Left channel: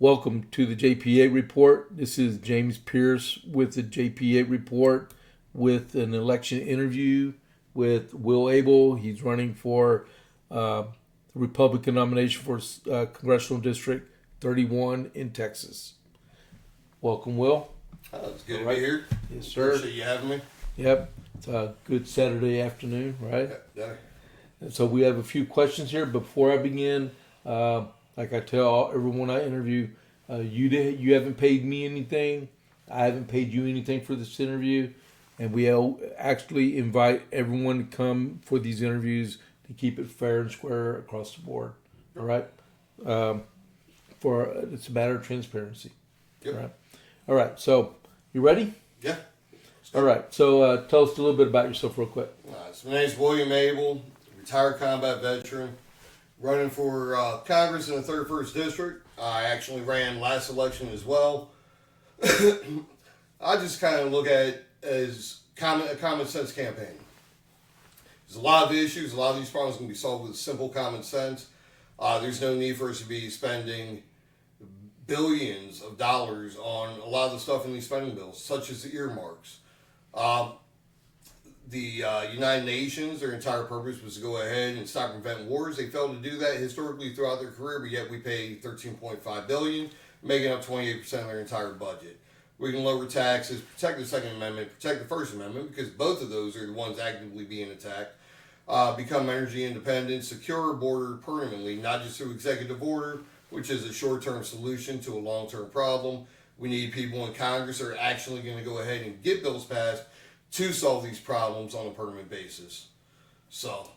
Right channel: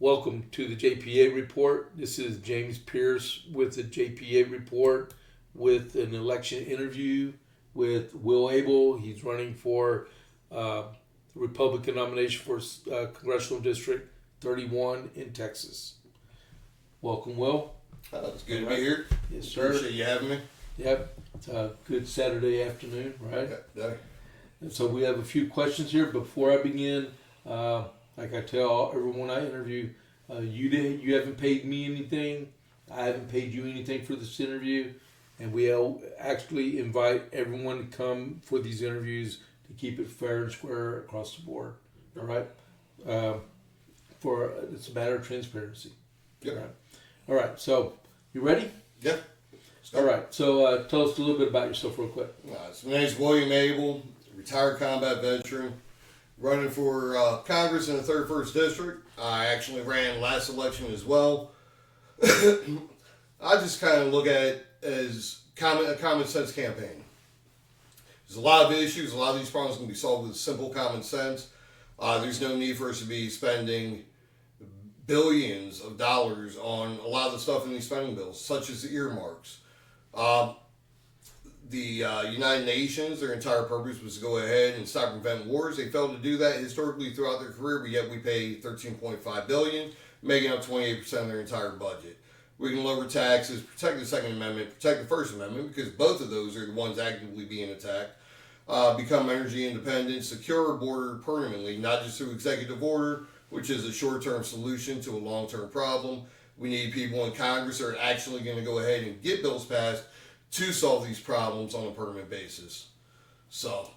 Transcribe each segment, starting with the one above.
Welcome to the JP8Report. This is James Pierce with the JP8Report with an election interview with Will Abel. He's running for the Republican nomination for Congressional District 31 in Texas. Welcome, Will. It's good to be here. Yes, sir. Appreciate you having me. Yep. It's a good Saturday afternoon, right? Yeah. And so we have a few questions here. Before I begin, like I tell everyone I interview, you haven't paid me anything. I haven't paid you anything for this interview, and we actually invite everyone to come for these interviews to keep it fair and square across the board. All right. It's a matter of transparency. Yep. All right. All right. So you ready? Yeah. All right. So tell us a little bit about yourself, real quick. So my name's William Abel, retired combat veteran, running for Congress in the 31st District. I actually ran last election as well. I just kind of look at it as a common sense campaign. There's a lot of issues. A lot of these problems can be solved with simple common sense. There's no need for us to be spending billions of dollars on a lot of the stuff in these spending bills, such as the earmarks. The United Nations, their entire purpose was to go ahead and stop and prevent wars. They failed to do that historically throughout their career, but yet we pay $13.5 billion, making up 28% of their entire budget. We can lower taxes, protect the Second Amendment, protect the First Amendment, because both of those are the ones actively being attacked. Become energy independent, secure our border permanently, not just through executive order, which is a short-term solution to a long-term problem. We need people in Congress that are actually going to go ahead and get bills passed to solve these problems on a permanent basis. So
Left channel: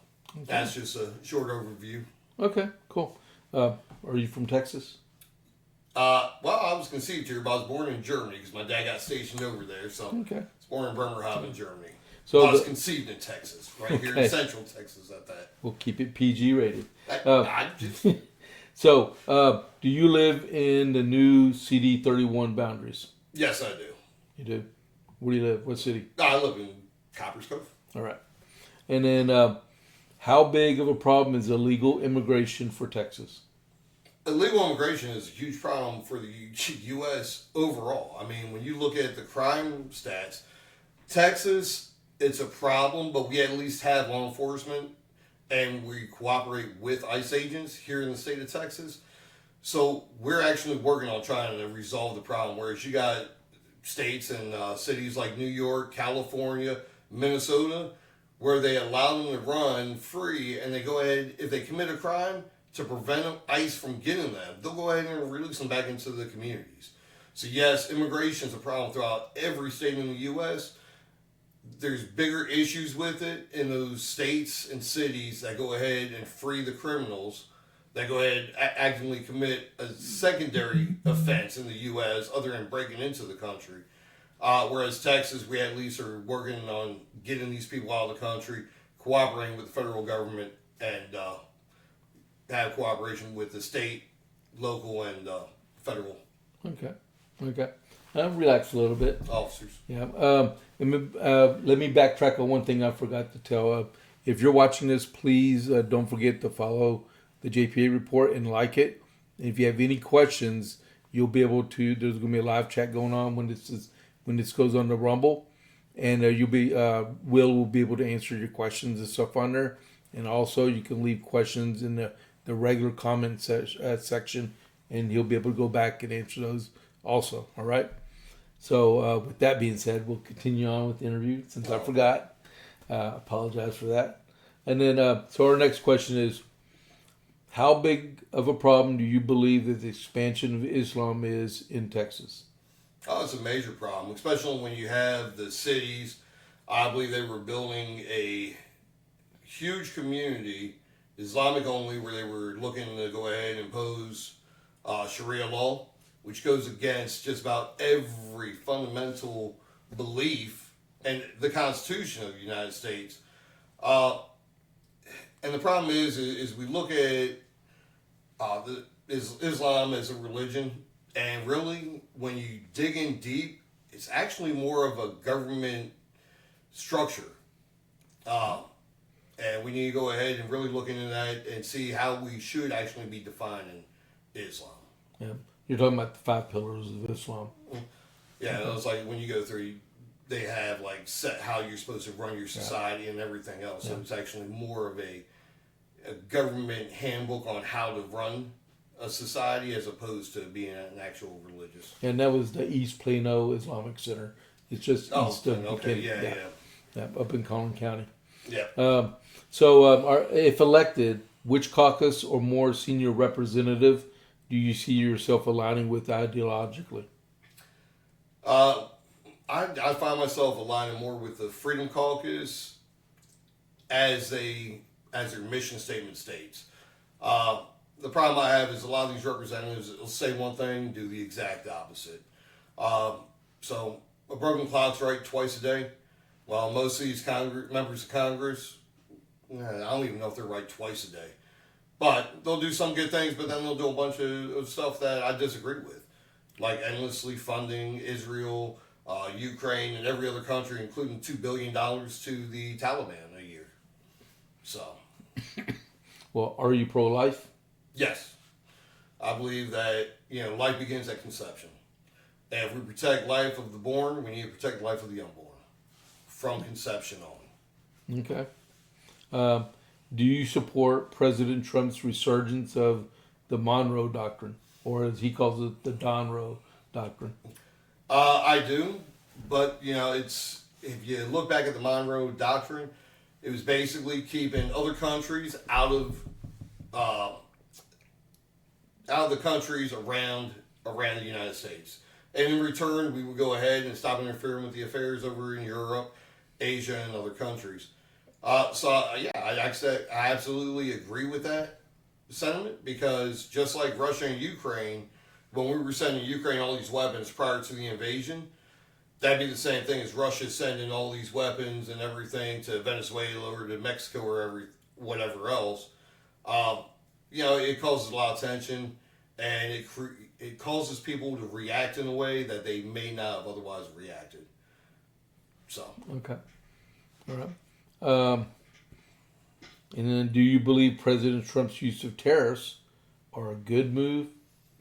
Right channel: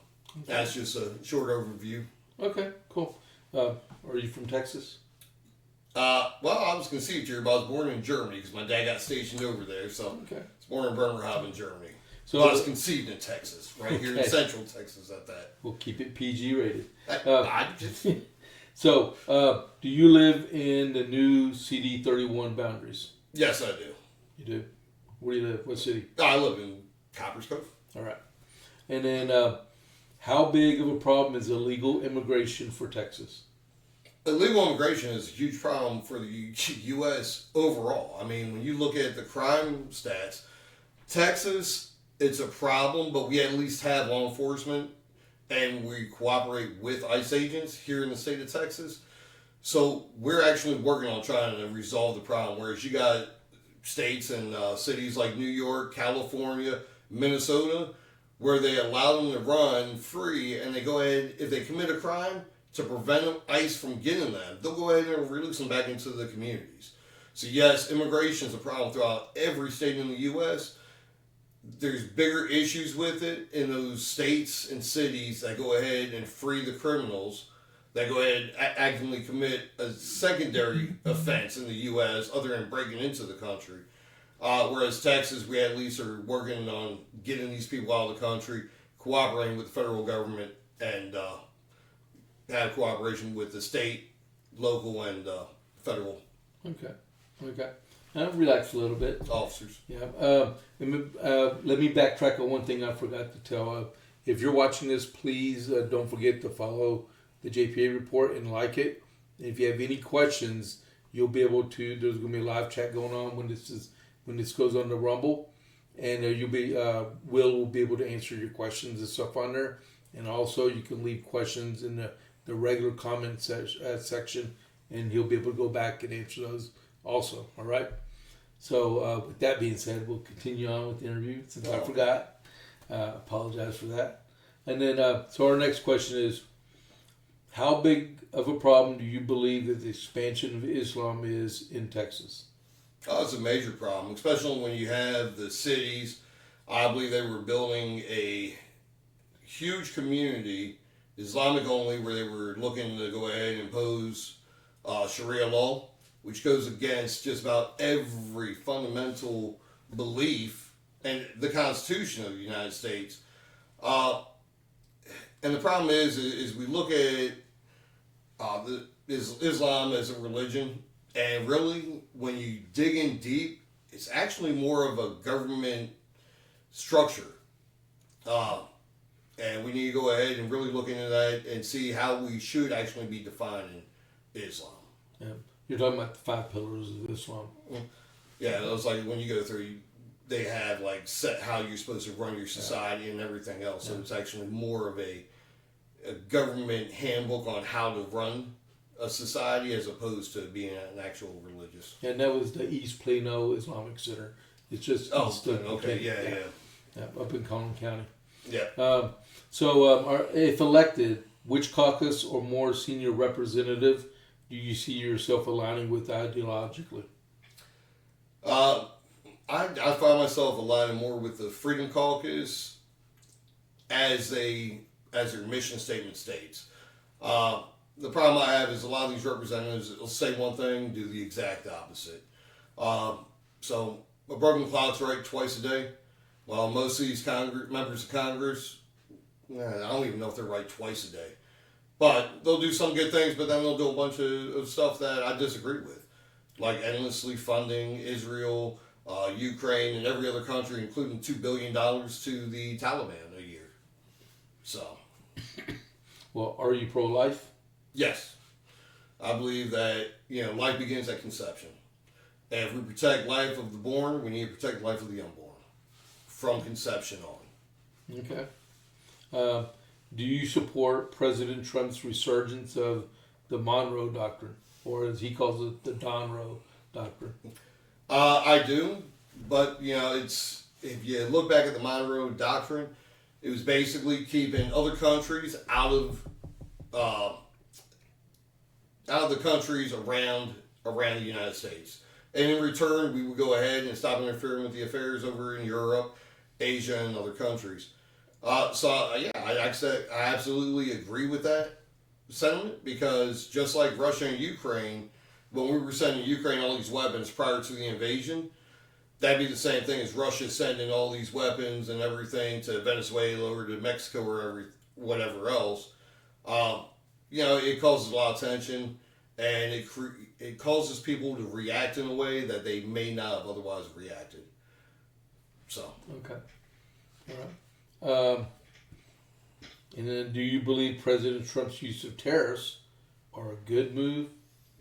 that's just a short overview. Okay, cool. Are you from Texas? Well, I was conceived here, but I was born in Germany because my dad got stationed over there. So Okay. I was born in Bremerhaven, Germany. So but I was conceived in Texas, right here in Central Texas at that. We'll keep it PG rated. I just... So, do you live in the new CD-31 boundaries? Yes, I do. You do? Where do you live? What city? I live in Copper's Cove. All right. And then, how big of a problem is illegal immigration for Texas? Illegal immigration is a huge problem for the U.S. overall. I mean, when you look at the crime stats, Texas, it's a problem, but we at least have law enforcement and we cooperate with ICE agents here in the state of Texas. So we're actually working on trying to resolve the problem, whereas you got states and cities like New York, California, Minnesota, where they allow them to run free, and they go ahead, if they commit a crime, to prevent ICE from getting them, they'll go ahead and release them back into the communities. So yes, immigration is a problem throughout every state in the U.S. There's bigger issues with it in those states and cities that go ahead and free the criminals that go ahead and actively commit a secondary offense in the U.S. other than breaking into the country. Whereas Texas, we at least are working on getting these people out of the country, cooperating with the federal government, and have cooperation with the state, local, and federal Okay. Relax a little bit. officers. Yeah. Let me backtrack on one thing I forgot to tell. If you're watching this, please don't forget to follow the JP8Report and like it. And if you have any questions, you'll be able to. There's going to be a live chat going on when this goes on the Rumble, and Will will be able to answer your questions and stuff on there. And also, you can leave questions in the regular comment section, and he'll be able to go back and answer those also. All right. So with that being said, we'll continue on with the interview since I forgot. Apologize for that. And then, so our next question is, how big of a problem do you believe that the expansion of Islam is in Texas? Oh, it's a major problem, especially when you have the cities. I believe they were building a huge community, Islamic only, where they were looking to go ahead and impose Sharia law, which goes against just about every fundamental belief and the Constitution of the United States. And the problem is we look at Islam as a religion, and really, when you dig in deep, it's actually more of a government structure. And we need to go ahead and really look into that and see how we should actually be defining Islam. Yeah. You're talking about the 5 pillars of Islam. Yeah, it was like when you go through, they have like set how you're supposed to run your society and everything else. So it's actually more of a government handbook on how to run a society as opposed to being an actual religious. And that was the East Plano Islamic Center. It's just east of okay, yeah, up in Collin County. Yeah. If elected, which caucus or more senior representative do you see yourself aligning with ideologically? I find myself aligning more with the Freedom Caucus as their mission statement states. The problem I have is a lot of these representatives will say one thing, do the exact opposite. So a broken clock's right twice a day. While most of these members of Congress, I don't even know if they're right twice a day. But they'll do some good things, but then they'll do a bunch of stuff that I disagree with. Like endlessly funding Israel, Ukraine, and every other country, including $2 billion to the Taliban a year. So. Well, are you pro-life? Yes. I believe that, life begins at conception. And if we protect life of the born, we need to protect the life of the unborn. From conception on. Okay. Do you support President Trump's resurgence of the Monroe Doctrine, or as he calls it, the Donroe Doctrine? I do, but it's if you look back at the Monroe Doctrine, it was basically keeping other countries out of the countries around the United States, and in return, we would go ahead and stop interfering with the affairs over in Europe, Asia, and other countries. I absolutely agree with that sentiment, because just like Russia and Ukraine, when we were sending Ukraine all these weapons prior to the invasion, that'd be the same thing as Russia sending all these weapons and everything to Venezuela or to Mexico or whatever else. It causes a lot of tension, and it causes people to react in a way that they may not have otherwise reacted. So. Okay. All right. And then, do you believe President Trump's use of tariffs are a good move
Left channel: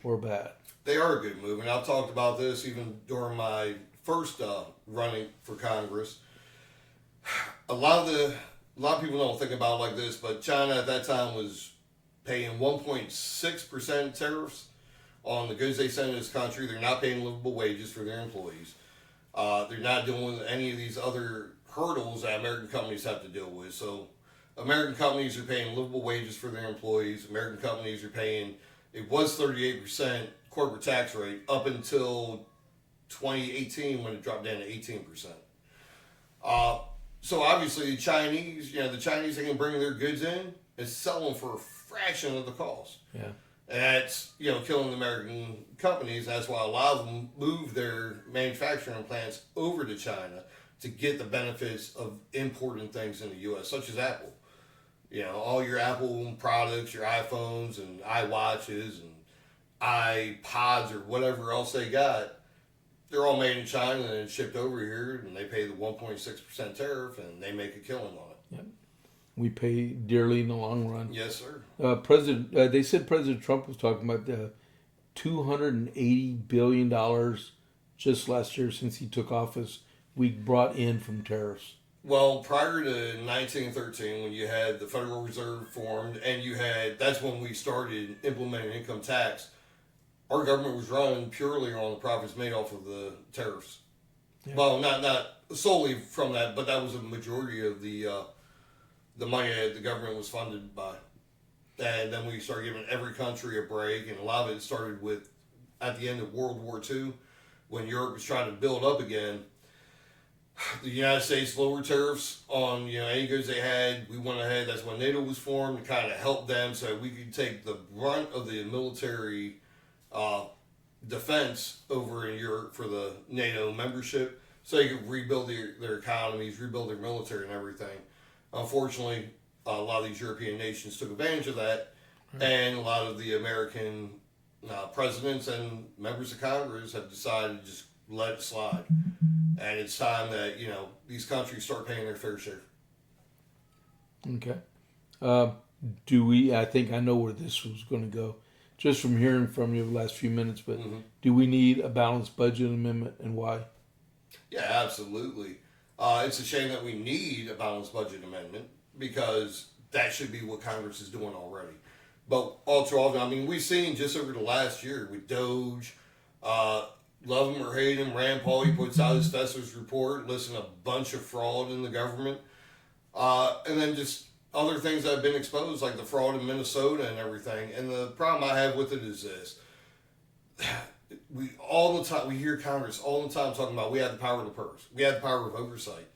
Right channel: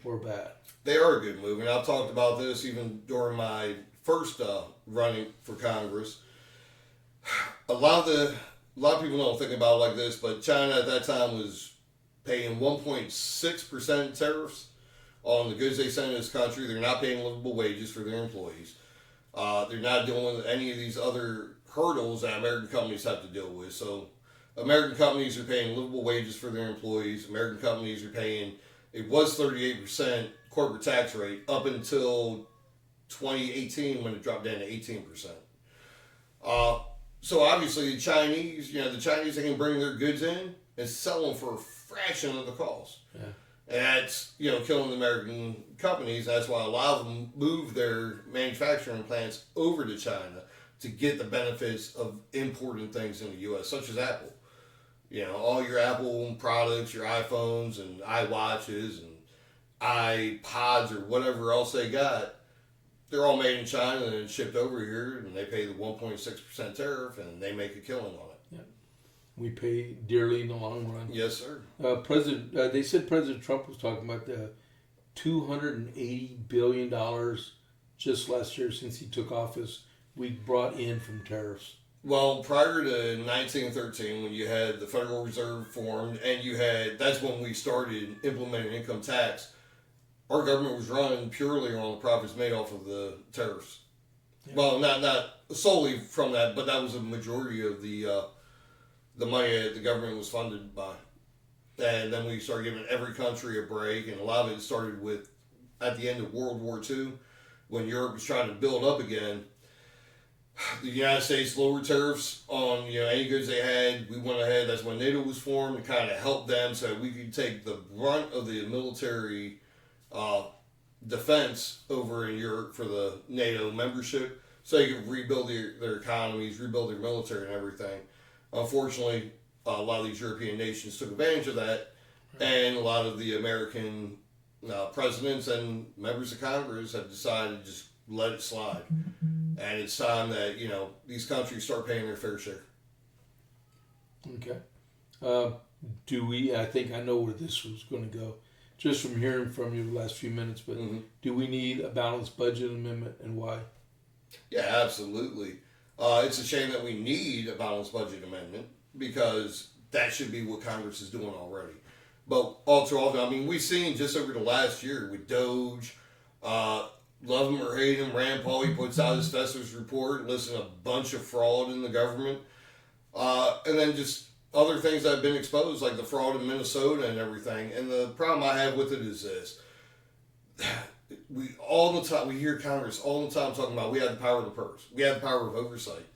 or bad? They are a good move, and I've talked about this even during my first running for Congress. A lot of people don't think about it like this, but China at that time was paying 1.6% tariffs on the goods they send in this country. They're not paying livable wages for their employees. They're not dealing with any of these other hurdles that American companies have to deal with. So American companies are paying livable wages for their employees. American companies are paying, it was 38% corporate tax rate up until 2018 when it dropped down to 18%. So obviously the Chinese they can bring their goods in and sell them for a fraction of the cost. Yeah. And that's, killing the American companies. That's why a lot of them move their manufacturing plants over to China to get the benefits of importing things in the U.S., such as Apple. All your Apple products, your iPhones and iWatches and iPods or whatever else they got, they're all made in China and shipped over here, and they pay the 1.6% tariff, and they make a killing on it. Yeah. We pay dearly in the long run. Yes, sir. They said President Trump was talking about the $280 billion just last year since he took office we brought in from tariffs. Well, prior to 1913, when you had the Federal Reserve formed, and that's when we started implementing income tax, our government was run purely on the profits made off of the tariffs. Yeah. Well, not solely from that, but that was a majority of the money that the government was funded by. And then we started giving every country a break, and a lot of it started with at the end of World War II, when Europe was trying to build up again. The United States lowered tariffs on any goods they had. We went ahead. That's when NATO was formed, and kind of helped them so we could take the brunt of the military defense over in Europe for the NATO membership, so they could rebuild their economies, rebuild their military, and everything. Unfortunately, a lot of these European nations took advantage of that, and a lot of the American presidents and members of Congress have decided to just let it slide. And it's time that, these countries start paying their fair share. Okay. I think I know where this was going to go. just from hearing from you the last few minutes, but do we need a balanced budget amendment and why? Yeah, absolutely. It's a shame that we need a balanced budget amendment because that should be what Congress is doing already. But all too often, I mean, we've seen just over the last year with Doge, love him or hate him, Rand Paul, he puts out his Festivus report, listing a bunch of fraud in the government. And then just other things that have been exposed, like the fraud in Minnesota and everything. And the problem I have with it is this. We hear Congress all the time talking about we have the power of the purse. We have the power of oversight.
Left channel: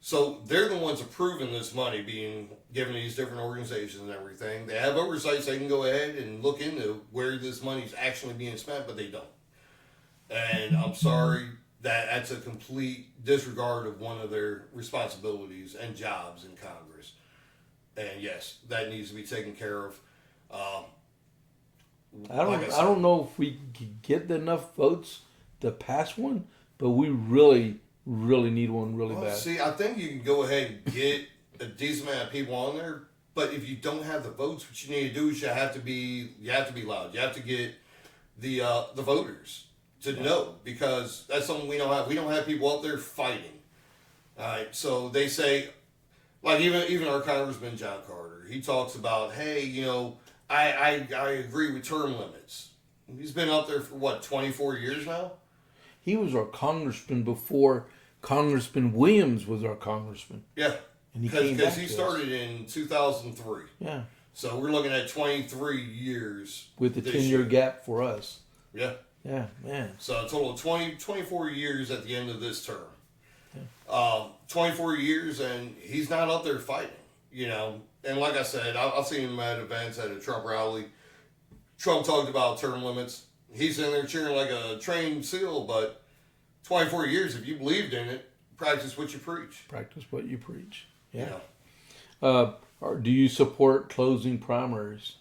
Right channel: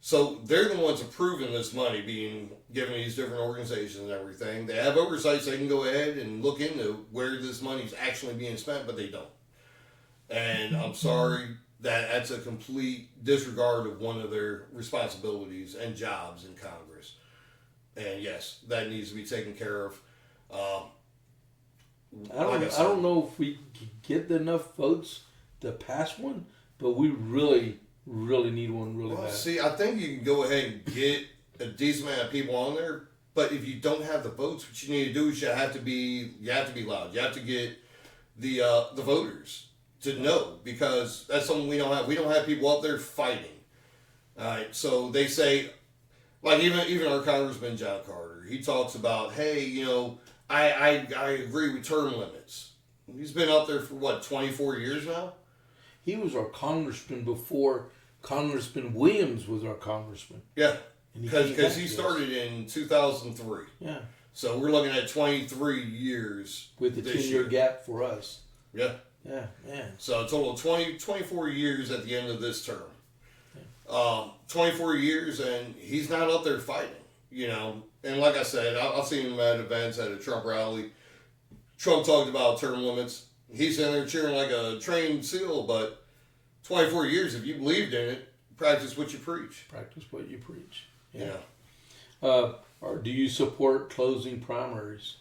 So they're the ones approving this money being given to these different organizations and everything. They have oversight so they can go ahead and look into where this money is actually being spent, but they don't. And I'm sorry, that's a complete disregard of one of their responsibilities and jobs in Congress. And yes, that needs to be taken care of. I don't know if we can get enough votes to pass one, but we really need one really bad. See, I think you can go ahead and get a decent amount of people on there, but if you don't have the votes, what you need to do is you have to be loud. You have to get the voters to know, because that's something we don't have. We don't have people up there fighting. All right, so they say, like even our Congressman John Carter, he talks about, hey, I agree with term limits. He's been up there for 24 years now? He was our congressman before Congressman Williams was our congressman. Yeah, because he started in 2003. Yeah. So we're looking at 23 years. With the 10-year gap for us. Yeah. Yeah, man. So a total of 24 years at the end of this term. 24 years, and he's not up there fighting, And like I said, I've seen him at events at a Trump rally. Trump talked about term limits. He's in there cheering like a trained seal, but 24 years, if you believed in it, practice what you preach. Practice what you preach. Yeah. Do you support closing primaries?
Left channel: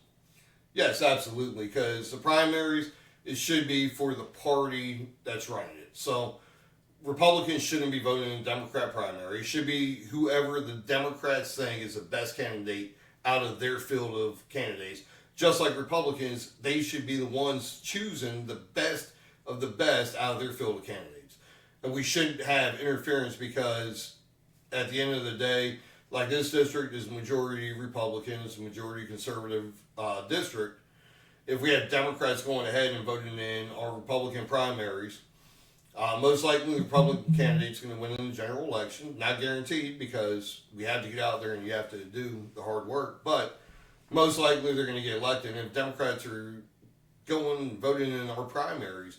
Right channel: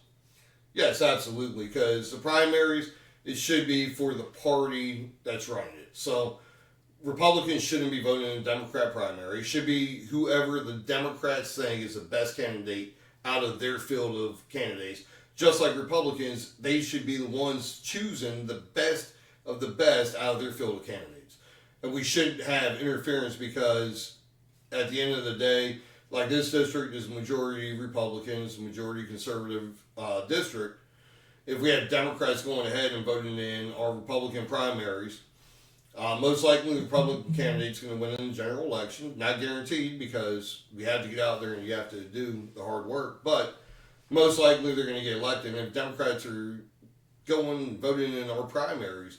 Yes, absolutely, because the primaries, it should be for the party that's running it. So Republicans shouldn't be voting in a Democrat primary. It should be whoever the Democrats think is the best candidate out of their field of candidates. Just like Republicans, they should be the ones choosing the best of the best out of their field of candidates. And we shouldn't have interference, because at the end of the day, like this district is majority Republicans, majority conservative district. If we have Democrats going ahead and voting in our Republican primaries, most likely the Republican candidate's going to win in the general election. Not guaranteed, because we have to get out there and you have to do the hard work. But most likely they're going to get elected. And if Democrats are going and voting in our primaries,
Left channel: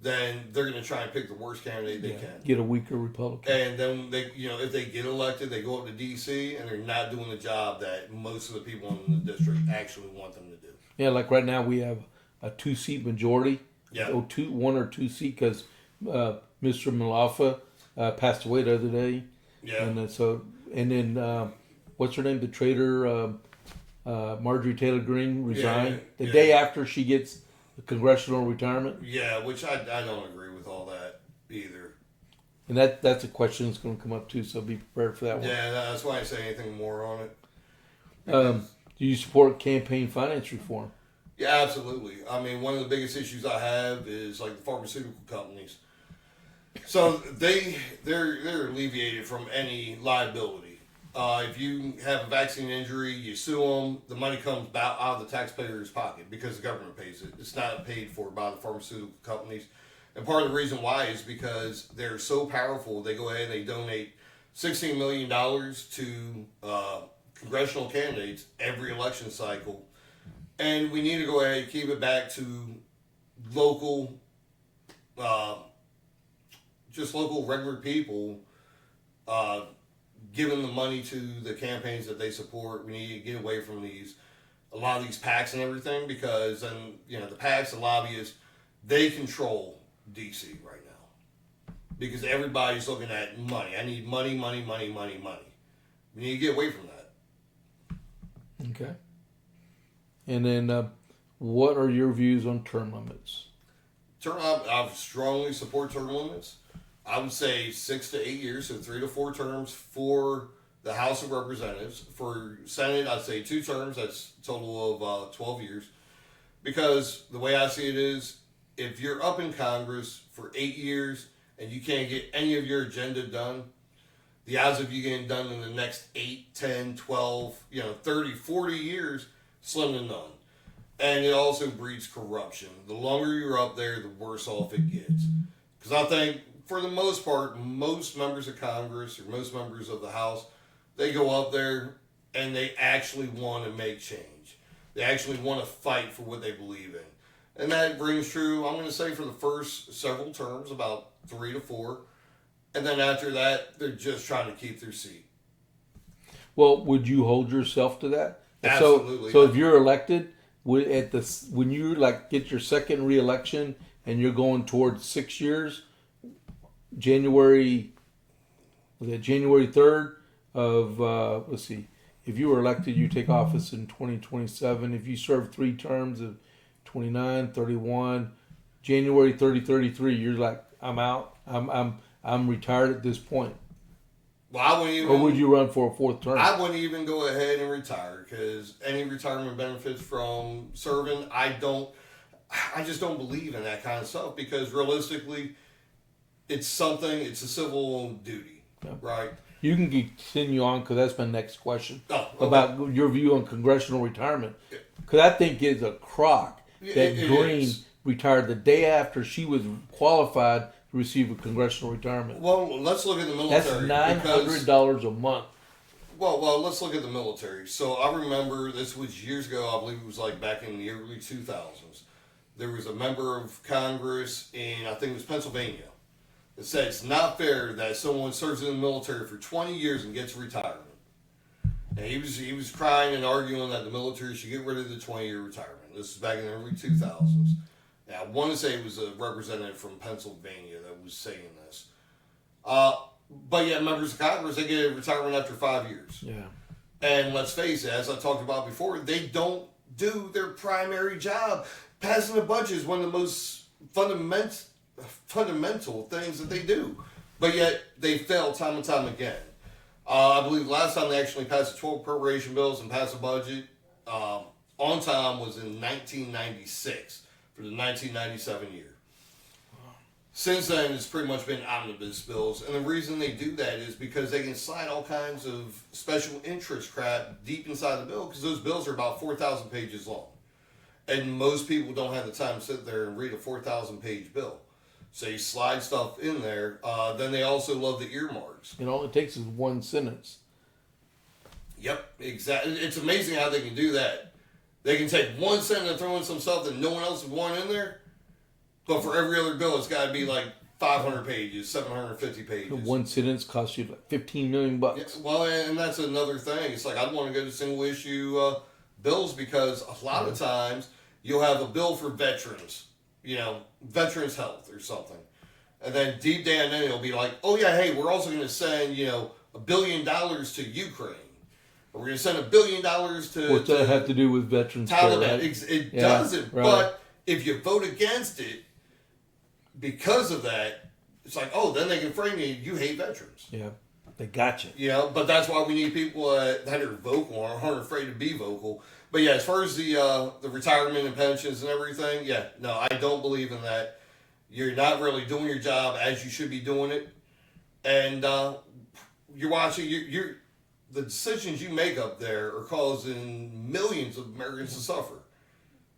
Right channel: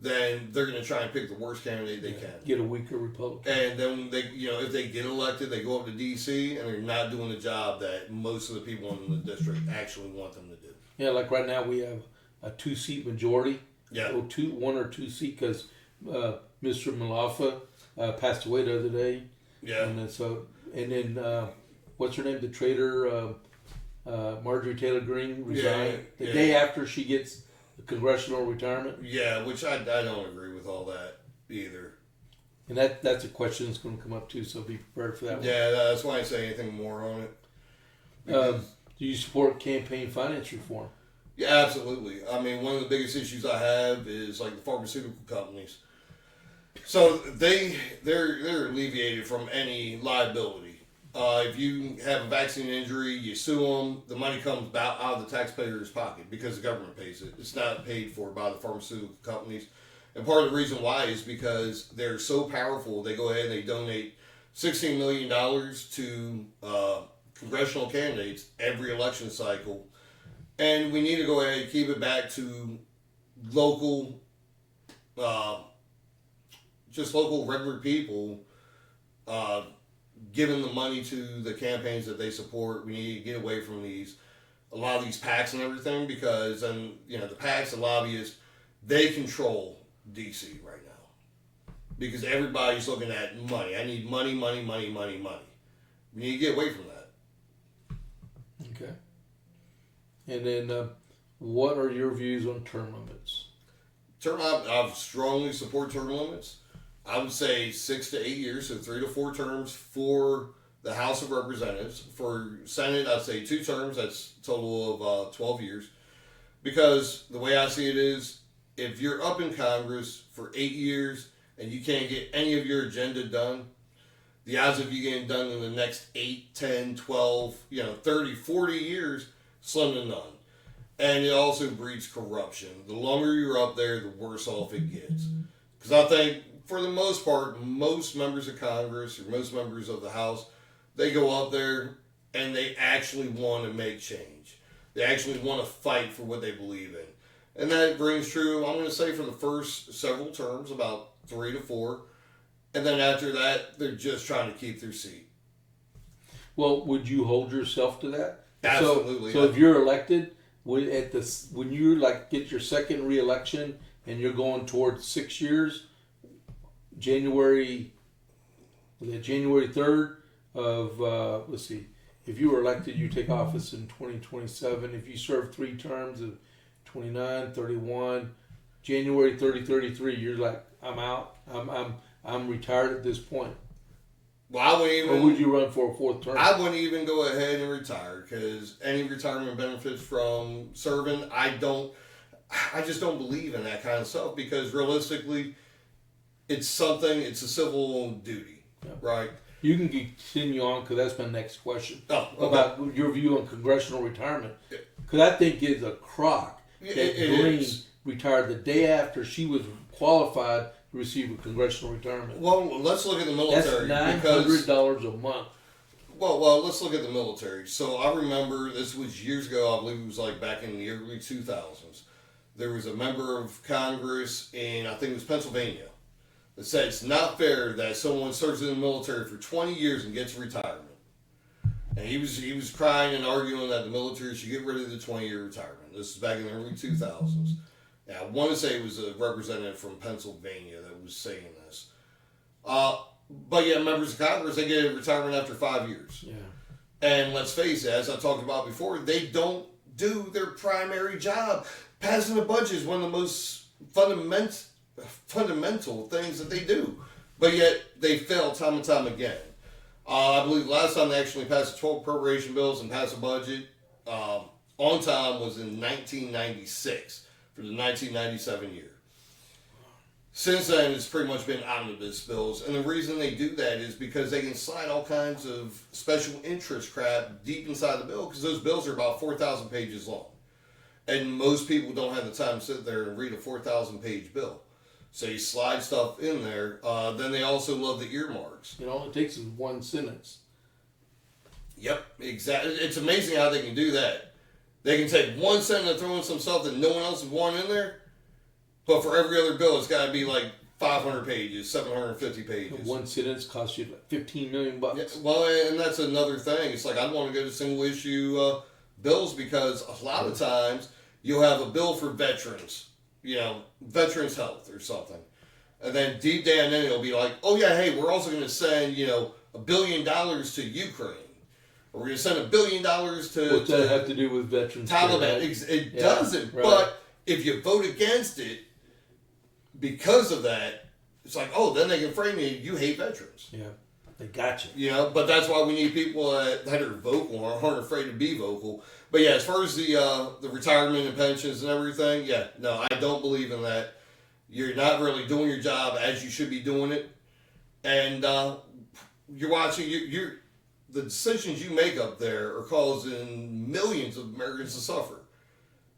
then they're going to try and pick the worst candidate they can. Get a weaker Republican. And then they, if they get elected, they go up to D.C. and they're not doing the job that most of the people in the district actually want them to do. Yeah, like right now we have a 2-seat majority. Yeah. One or two seat, because Mr. Malafa passed away the other day. Yeah. And then what's her name? The traitor, Marjorie Taylor Greene resigned the day after she gets the congressional retirement. Yeah, which I don't agree with all that either. And that's a question that's going to come up too, so be prepared for that one. Yeah, that's why I say anything more on it. Do you support campaign finance reform? Yeah, absolutely. I mean, one of the biggest issues I have is like the pharmaceutical companies. So they're alleviated from any liability. If you have a vaccine injury, you sue them, the money comes out of the taxpayer's pocket because the government pays it. It's not paid for by the pharmaceutical companies. And part of the reason why is because they're so powerful, they go ahead and they donate $16 million to congressional candidates every election cycle. And we need to go ahead and keep it back to local, just local regular people giving the money to the campaigns that they support. We need to get away from a lot of these PACs and everything, because then, the PACs, the lobbyists, they control DC right now. Because everybody's looking at money. I need money, money, money, money, money. We need to get away from that. Okay. And then what are your views on term limits? I strongly support term limits. I would say 6 to 8 years, so 3 to 4 terms for the House of Representatives. For Senate, I'd say 2 terms. That's a total of 12 years. Because the way I see it is, if you're up in Congress for 8 years and you can't get any of your agenda done, the odds of you getting done in the next 8, 10, 12, 30, 40 years, slim to none. And it also breeds corruption. The longer you're up there, the worse off it gets. Because I think, for the most part, most members of Congress or most members of the House, they go up there and they actually want to make change. They actually want to fight for what they believe in. And that rings true, I'm going to say, for the first several terms, about 3 to 4. And then after that, they're just trying to keep their seat. Well, would you hold yourself to that? Absolutely. So if you're elected, when you get your second re-election and you're going towards 6 years, January 3rd of let's see, if you were elected, you take office in 2027. If you serve 3 terms of 29, 31, January 33, you're like, I'm out. I'm retired at this point. Well, I wouldn't even. Or would you run for a 4th term? I wouldn't even go ahead and retire, because any retirement benefits from serving, I just don't believe in that kind of stuff, because realistically, it's a civil duty, right? You can continue on, because that's my next question. Oh, okay. About your view on congressional retirement. Because I think it's a crock that Green retired the day after she was qualified to receive a congressional retirement. Well, let's look at the military. That's $900 a month. Well, let's look at the military. So I remember, this was years ago, I believe it was like back in the early 2000s. There was a member of Congress in, I think it was Pennsylvania, that said it's not fair that someone serves in the military for 20 years and gets retirement. And he was crying and arguing that the military should get rid of the 20-year retirement. This is back in the early 2000s. And I want to say it was a representative from Pennsylvania that was saying this. But yeah, members of Congress, they get retirement after 5 years. Yeah. And let's face it, as I talked about before, they don't do their primary job. Passing a budget is one of the most fundamental things that they do. But yet, they fail time and time again. I believe the last time they actually passed 12 appropriation bills and passed a budget on time was in 1996 for the 1997 year. Since then, it's pretty much been omnibus bills. And the reason they do that is because they can slide all kinds of special interest crap deep inside the bill, because those bills are about 4,000 pages long. And most people don't have the time to sit there and read a 4,000-page bill. So you slide stuff in there. Then they also love the earmarks. All it takes is one sentence. Yep, exactly. It's amazing how they can do that. They can take one sentence and throw in some stuff that no one else would want in there. But for every other bill, it's got to be like 500 pages, 750 pages. The one sentence costs you like $15 million. Yeah, well, and that's another thing. It's like, I'd want to go to single issue bills, because a lot of times you'll have a bill for veterans, veterans health or something. And then deep down in it, it'll be like, oh yeah, hey, we're also going to send, $1 billion to Ukraine. Or we're going to send $1 billion to... What's that have to do with veterans? Taliban. It doesn't. Right. But if you vote against it, because of that, it's like, oh, then they can frame you hate veterans. Yeah, they got you. But that's why we need people that are vocal or aren't afraid to be vocal. But yeah, as far as the retirement and pensions and everything, yeah, no, I don't believe in that. You're not really doing your job as you should be doing it. And you're watching, the decisions you make up there are causing millions of Americans to suffer.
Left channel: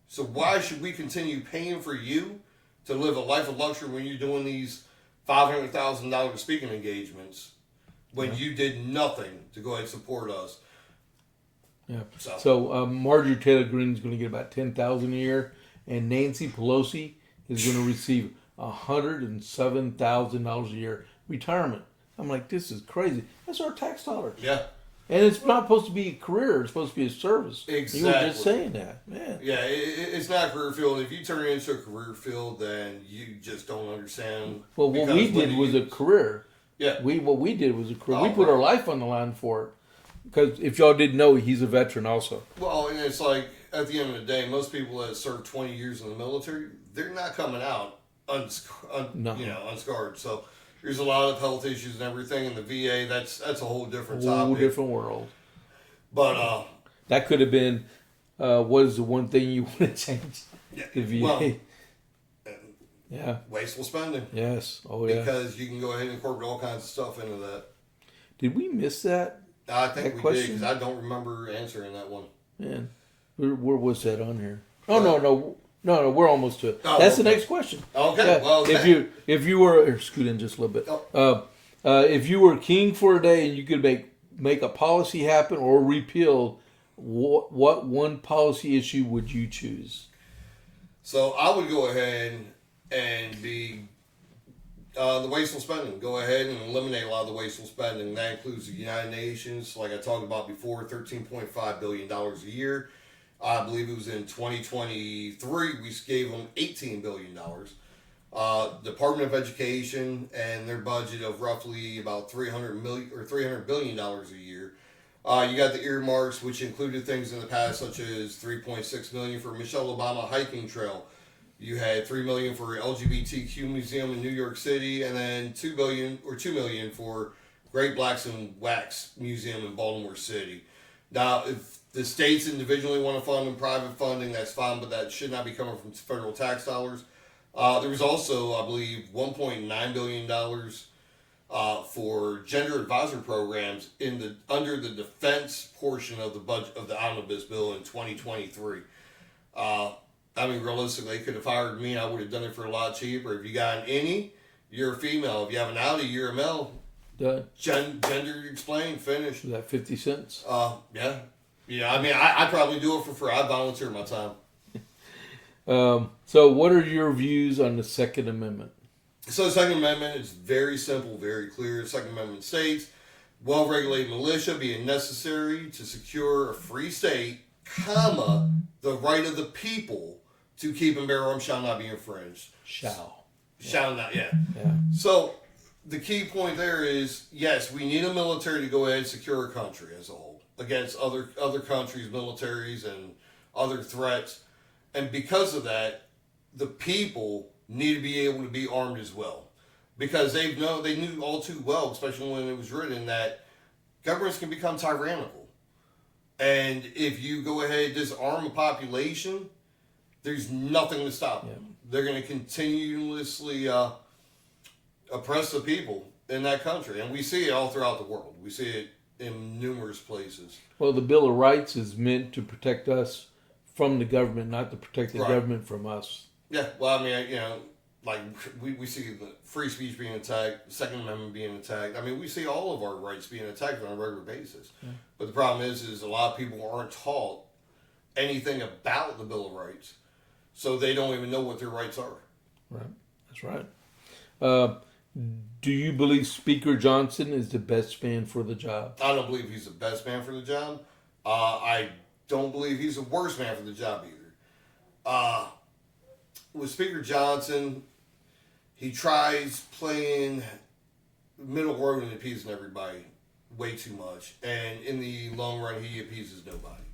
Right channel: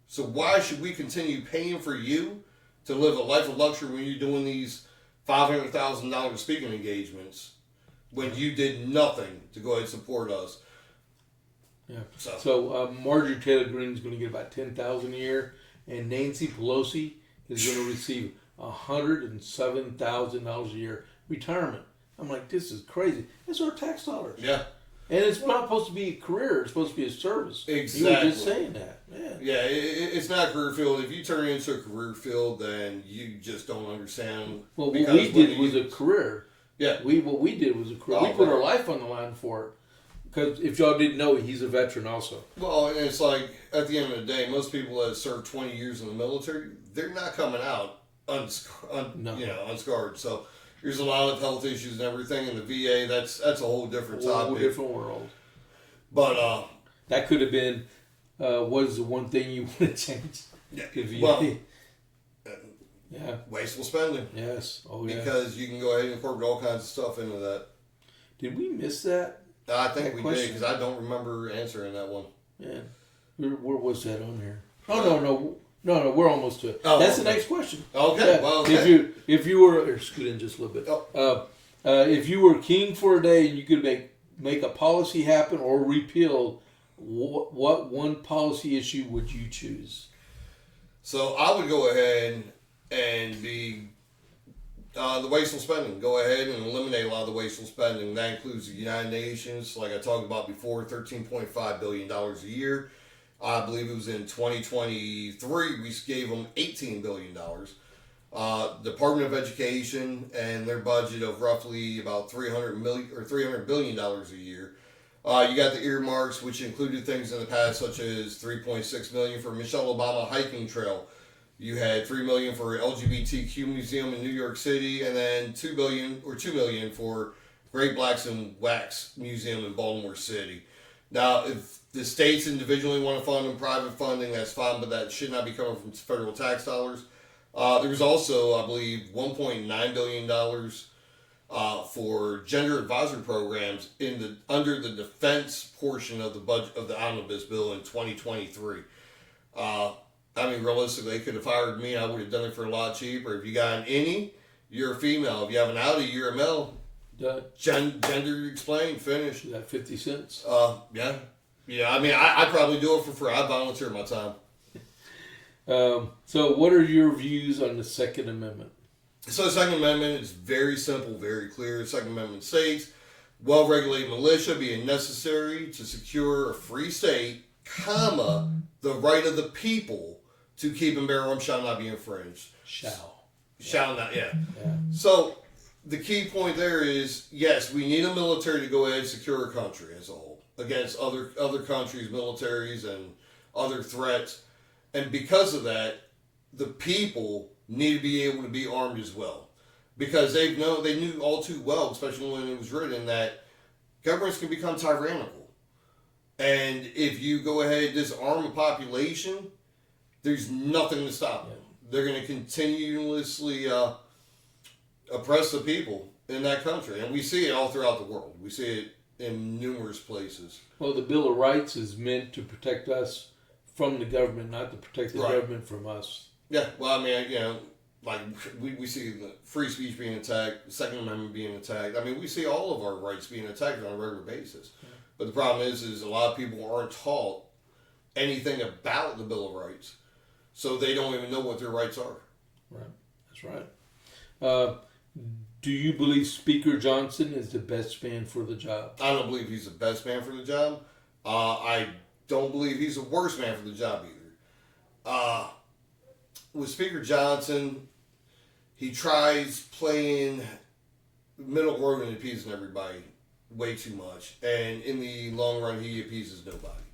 So why should we continue paying for you to live a life of luxury when you're doing these $500,000 speaking engagements when you did nothing to go ahead and support us? Yeah. So Marjorie Taylor Greene is going to get about $10,000 a year, and Nancy Pelosi is going to receive $107,000 a year retirement. I'm like, this is crazy. That's our tax dollars. Yeah. And it's not supposed to be a career. It's supposed to be a service. Exactly. You were just saying that. Man. Yeah, it's not a career field. If you turn it into a career field, then you just don't understand. Well, what we did was a career. Yeah. What we did was a career. We put our life on the line for it. Because if y'all didn't know, he's a veteran also. Well, and it's like, at the end of the day, most people that serve 20 years in the military, they're not coming out unscarred. So there's a lot of health issues and everything in the VA. That's a whole different topic. A whole different world. But that could have been, what is the one thing you want to change? Yeah. If you, Well, yeah. wasteful spending. Yes. Oh, yeah. Because you can go ahead and incorporate all kinds of stuff into that. Did we miss that? I think we did question? because I don't remember answering that one. Yeah. Where was that on here? Oh, no. We're almost to it. Oh, That's okay. the next question. Okay. Yeah. Well, If you were, or scoot in just a little bit. If you were king for a day, you could make a policy happen or repeal. What one policy issue would you choose? So I would go ahead and be the wasteful spending. Go ahead and eliminate a lot of the wasteful spending. That includes the United Nations, like I talked about before, $13.5 billion a year. I believe it was in 2023, we gave them $18 billion. Department of Education and their budget of roughly about $300 billion a year. You got the earmarks, which included things in the past such as $3.6 million for Michelle Obama hiking trail. You had $3 million for LGBTQ museum in New York City, and then $2 million for Great Blacks in Wax Museum in Baltimore City. Now, if the states individually want to fund and private funding, that's fine, but that should not be coming from federal tax dollars. There was also, I believe, $1.9 billion for gender advisory programs under the defense portion of the budget of the omnibus bill in 2023. I mean, realistically, they could have hired me. I would have done it for a lot cheaper. If you got an innie, you're a female. If you have an outie, you're a male. Done. Gender explained, finished. Is that 50 cents? Yeah. I mean, I'd probably do it for free. I'd volunteer my time. So, what are your views on the Second Amendment? So, the Second Amendment is very simple, very clear. The Second Amendment states, well-regulated militia being necessary to secure a free state, comma, the right of the people to keep and bear arms shall not be infringed. Shall not, yeah. So, the key point there is, yes, we need a military to go ahead and secure a country as a whole against other countries, militaries, and other threats. And because of that, the people need to be able to be armed as well. Because they knew all too well, especially when it was written, that governments can become tyrannical. And if you go ahead and disarm a population, there's nothing to stop them. They're going to continuously oppress the people in that country. And we see it all throughout the world. We see it in numerous places. Well, the Bill of Rights is meant to protect us from the government, not to protect the government from us. Yeah, well, I mean, like we see the free speech being attacked, the Second Amendment being attacked. I mean, we see all of our rights being attacked on a regular basis. Yeah. But the problem is a lot of people aren't taught anything about the Bill of Rights, so they don't even know what their rights are. Right, that's right. Do you believe Speaker Johnson is the best man for the job? I don't believe he's the best man for the job. I don't believe he's the worst man for the job either. With Speaker Johnson, he tries playing middle road and appeasing everybody way too much. And in the long run, he appeases nobody.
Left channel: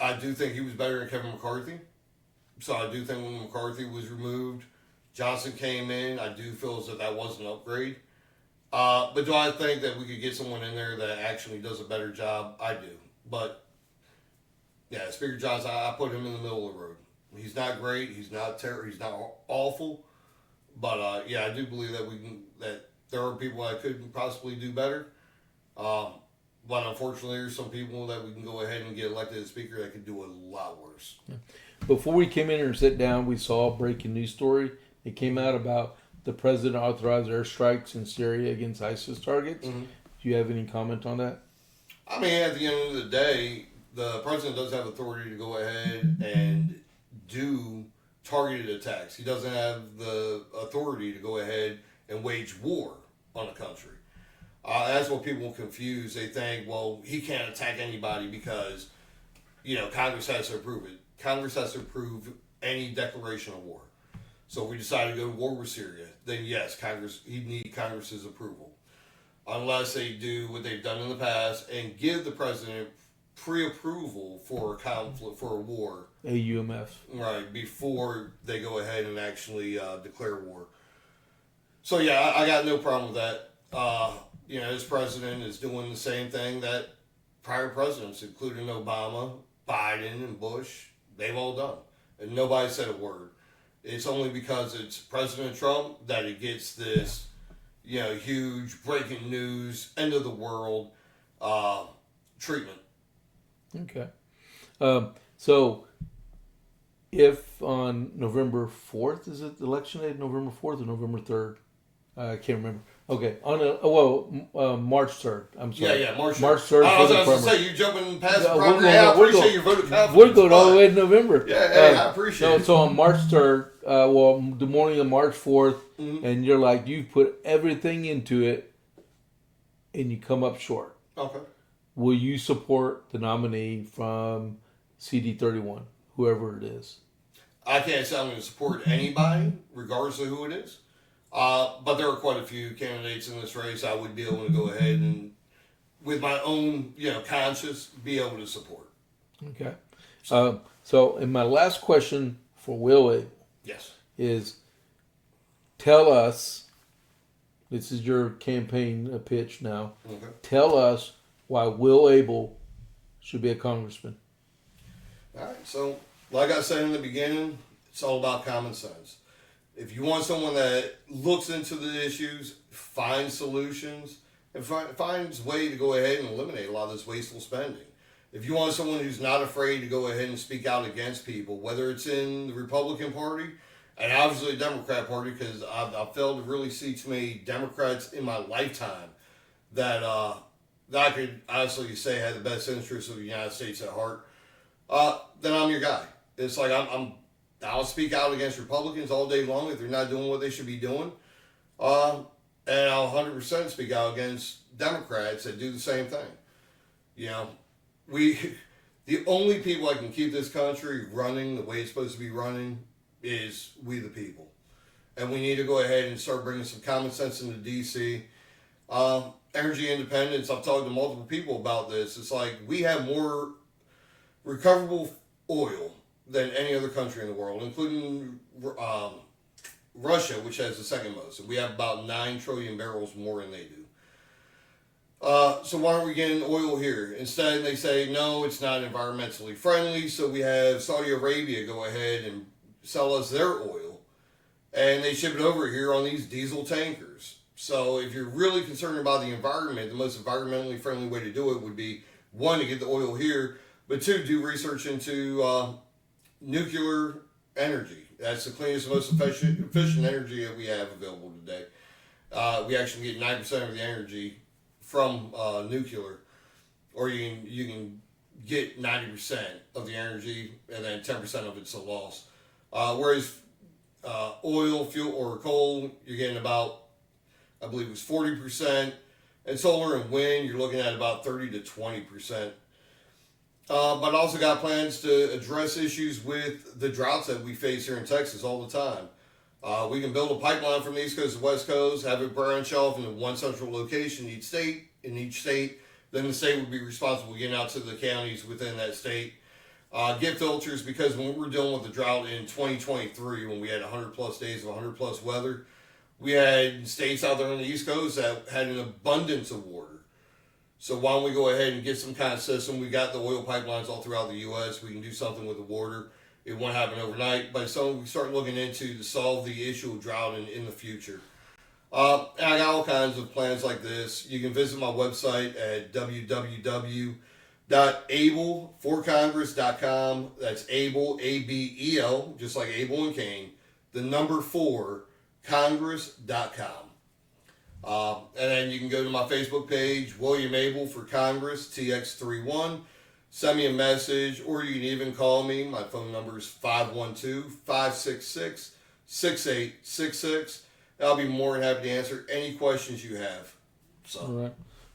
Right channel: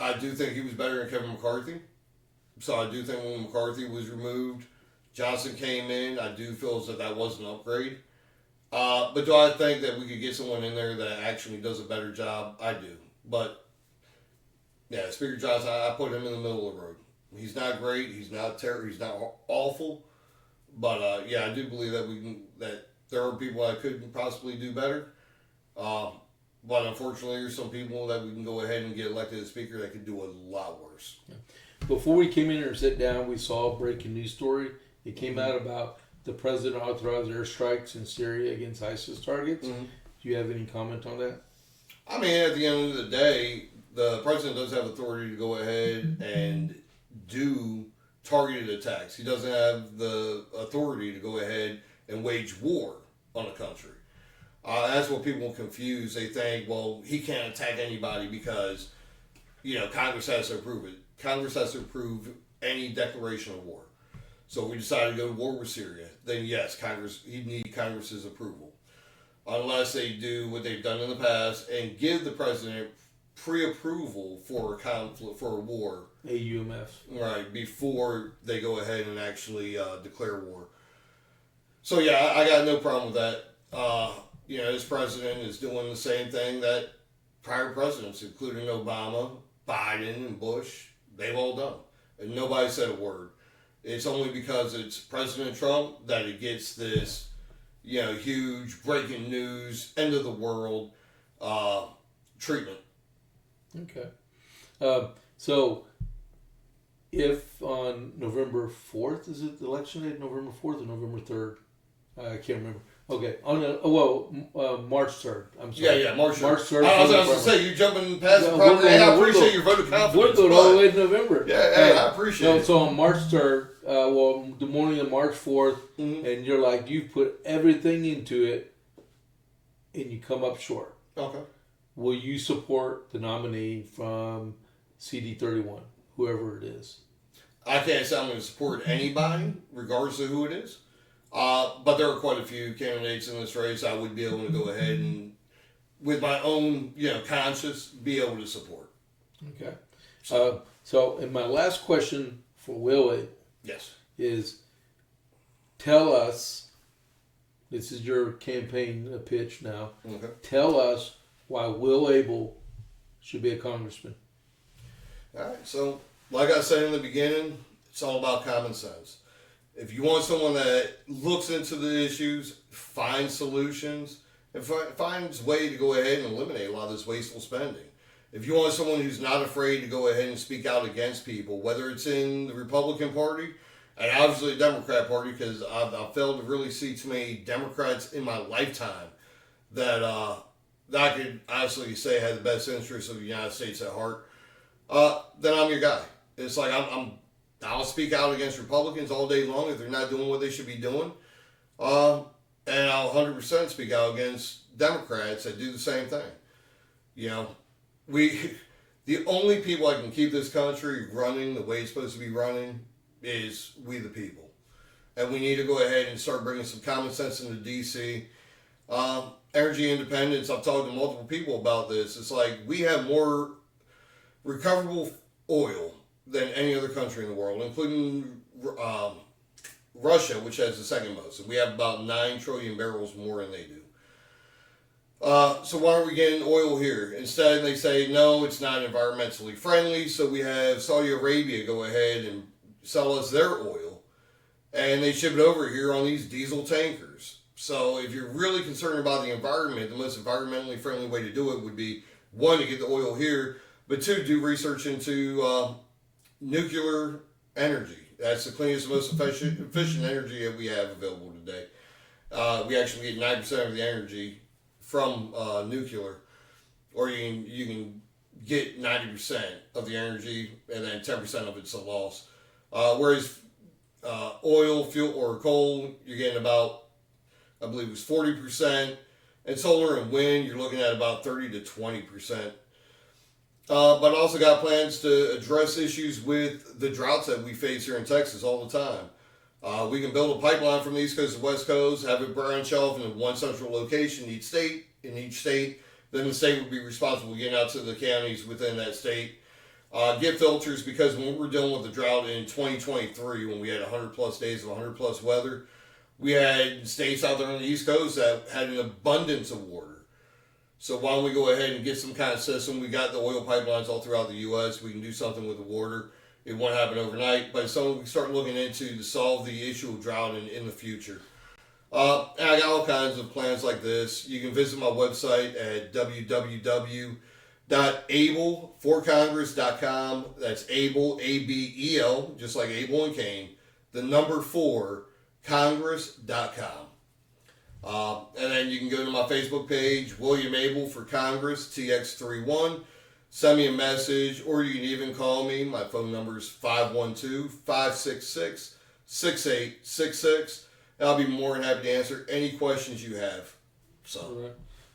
I do think he was better than Kevin McCarthy. So I do think when McCarthy was removed, Johnson came in. I do feel as if that was an upgrade. But do I think that we could get someone in there that actually does a better job? I do. But, yeah, Speaker Johnson, I put him in the middle of the road. He's not great. He's not terrible. He's not awful. But, yeah, I do believe that there are people that could possibly do better. But unfortunately, there's some people that we can go ahead and get elected as Speaker that could do a lot worse. Before we came in here and sat down, we saw a breaking news story. It came out about the president authorized airstrikes in Syria against ISIS targets. Mm-hmm. Do you have any comment on that? I mean, at the end of the day, the president does have authority to go ahead and do targeted attacks. He doesn't have the authority to go ahead and wage war on a country. That's what people confuse. They think, well, he can't attack anybody because, Congress has to approve it. Congress has to approve any declaration of war. So if we decide to go to war with Syria, then yes, he'd need Congress's approval. Unless they do what they've done in the past and give the president pre-approval for a conflict, for a war. AUMF. Right, before they go ahead and actually declare war. So yeah, I got no problem with that. This president is doing the same thing that prior presidents, including Obama, Biden, and Bush, They've all done. And nobody said a word. It's only because it's President Trump that it gets this, huge breaking news, end of the world treatment. Okay. So, if on November 4th, is it election day, November 4th or November 3rd? I can't remember. Okay. March 3rd. I'm sorry. Yeah, March 3rd. March 3rd. I was going to say, you're jumping past the No, program. we're Hey, I going- appreciate your vote of confidence. We're going all the way to November. Yeah, hey, I appreciate it. So on March 3rd, the morning of March 4th, and you're like, you put everything into it, and you come up short. Okay. Will you support the nominee from CD-31, whoever it is? I can't say I'm going to support anybody, regardless of who it is. But there are quite a few candidates in this race I would be able to go ahead and, with my own, conscience, be able to support. Okay. So, in my last question for Will Yes. is, tell us, this is your campaign pitch now, Okay. tell us why Will Abel should be a congressman. All right. So, like I said in the beginning, it's all about common sense. If you want someone that looks into the issues, finds solutions, and finds a way to go ahead and eliminate a lot of this wasteful spending. If you want someone who's not afraid to go ahead and speak out against people, whether it's in the Republican Party and obviously the Democrat Party, because I've failed to really see too many Democrats in my lifetime that I could honestly say had the best interests of the United States at heart, then I'm your guy. It's like I'll speak out against Republicans all day long if they're not doing what they should be doing. And I'll 100% speak out against Democrats that do the same thing. The only people that can keep this country running the way it's supposed to be running is we the people. And we need to go ahead and start bringing some common sense into D.C. Energy independence, I've talked to multiple people about this. It's like we have more recoverable oil than any other country in the world, including Russia, which has the second most. We have about 9 trillion barrels more than they do. So why aren't we getting oil here? Instead, they say, no, it's not environmentally friendly, so we have Saudi Arabia go ahead and sell us their oil, and they ship it over here on these diesel tankers. So if you're really concerned about the environment, the most environmentally friendly way to do it would be, 1, to get the oil here, but 2, do research into nuclear energy. That's the cleanest, most efficient energy that we have available today. We actually get 9% of the energy from nuclear, or you can get 90% of the energy, and then 10% of it's a loss. Whereas oil, fuel, or coal, you're getting about, I believe it was 40%, and solar and wind, you're looking at about 30 to 20%. But also got plans to address issues with the droughts that we face here in Texas all the time. We can build a pipeline from the East Coast to the West Coast, have it branch off in one central location in each state. Then the state would be responsible getting out to the counties within that state. Get filters, because when we were dealing with the drought in 2023, when we had 100 plus days of 100 plus weather, we had states out there on the East Coast that had an abundance of water. So why don't we go ahead and get some kind of system? We got the oil pipelines all throughout the U.S. We can do something with the water. It won't happen overnight, but it's something we start looking into to solve the issue of drought in the future. And I got all kinds of plans like this. You can visit my website at www.abelforcongress.com. That's Abel, A-B-E-L, just like Abel and Cain. The number 4, congress.com. And then you can go to my Facebook page, William Abel for Congress, TX31. Send me a message, or you can even call me. My phone number is 512-566-6866. I'll be more than happy to answer any questions you have. So, all right.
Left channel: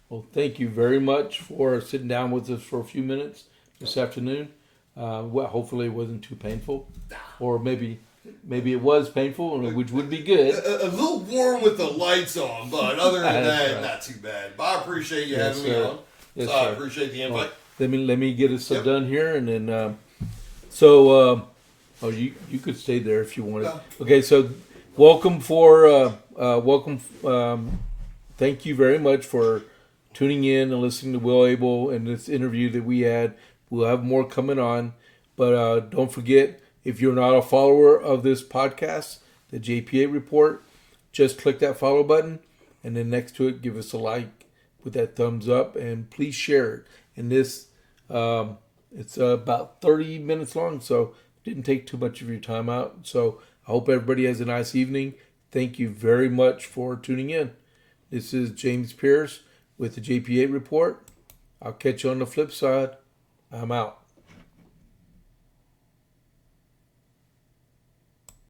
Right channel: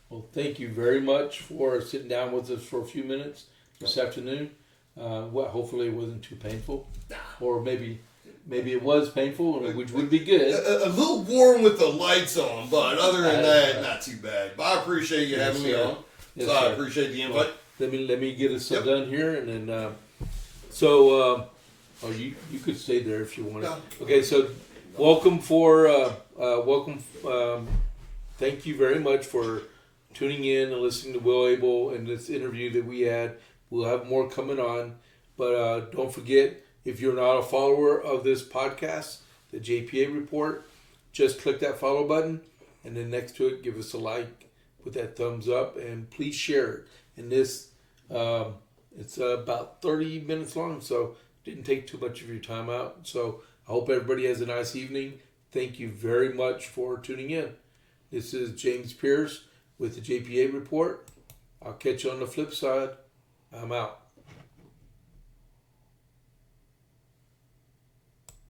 Well, thank you very much for sitting down with us for a few minutes this afternoon. Hopefully it wasn't too painful, or maybe it was painful, which would be good. A little warm with the lights on, but other than that, not too bad. But I appreciate you having me on. Yes, I appreciate the invite. Let me get us done here, and then you could stay there if you wanted. Okay, so welcome. Thank you very much for tuning in and listening to Will Abel and this interview that we had. We'll have more coming on. But don't forget, if you're not a follower of this podcast, the JP8 Report, just click that follow button, and then next to it, give us a like with that thumbs up, and please share it. And this, it's about 30 minutes long, so didn't take too much of your time out. So I hope everybody has a nice evening. Thank you very much for tuning in. This is James Pierce with the JP8 Report. I'll catch you on the flip side. I'm out.